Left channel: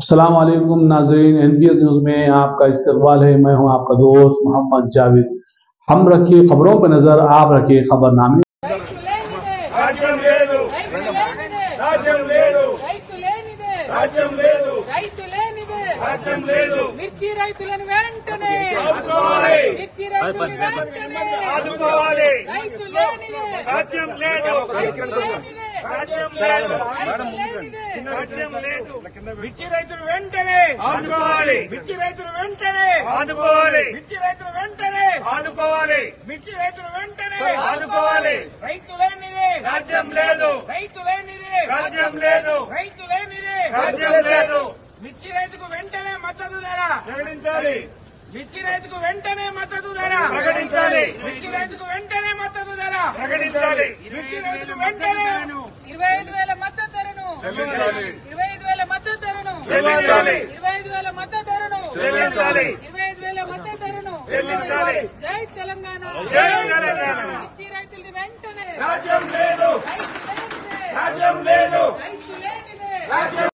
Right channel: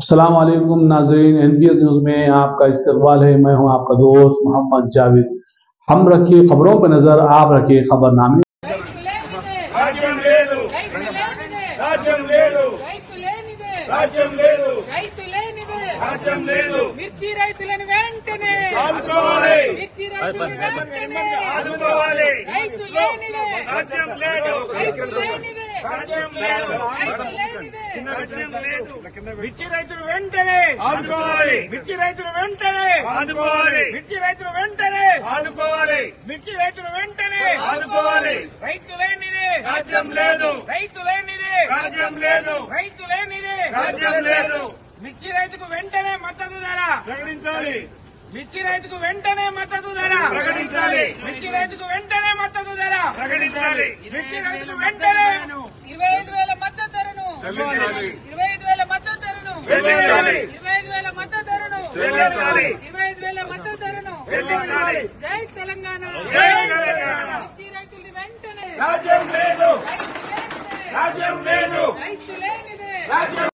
अस्सलाम वालेकुम नाज़रीन, NPS न्यूज़ में आपका इस्तकबाल है। मैं हूं आपका दोस्त मोहम्मद जावेद। हम रखिए खबरों पर नजर, आप रखिए खबरनामे। మిర్చి రైతులను వెంటనే ఆదుకోవాలి. మిర్చి రైతులను వెంటనే ఆదుకోవాలి. రైతు లేనిదే రాజ్యం లేదు. రైతు లేనిదే రాజ్యం లేదు. రైతు లేనిదే రాజ్యం లేదు. మిర్చి రైతులు వెంటనే ఆదుకోవాలి. మిర్చి రైతులు వెంటనే ఆదుకోవాలి. మిర్చి రైతులు వెంటనే ఆదుకోవాలి. మిర్చి రైతులు వెంటనే ఆదుకోవాలి. రైతు లేనిదే రాజ్యం లేదు. రైతు లేనిదే రాజ్యం లేదు. రైతు లేనిదే రాజ్యం లేదు. మిర్చి రైతుకు వెంటనే మద్దతు ధర ప్రకటించాలి. మిర్చి రైతుకు వెంటనే మద్దతు ధర ప్రకటించాలి. మిర్చి రైతుకు వెంటనే మద్దతు ధర ప్రకటించాలి. మిర్చి రైతుకు వెంటనే 25,000 మద్దతు ధరను చెల్లించాలి. 25,000 మద్దతు ధరను చెల్లించాలి. 25,000 మద్దతు ధరను చెల్లించాలి. 25,000 మద్దతు ధరను చెల్లించాలి. జై తెలంగాణ. జై తెలంగాణ. మిర్చి రైతులకు వెంటనే రాజ్యం లేదు. రాజ్యం లేదు. రైతు లేనిదే రాజ్యం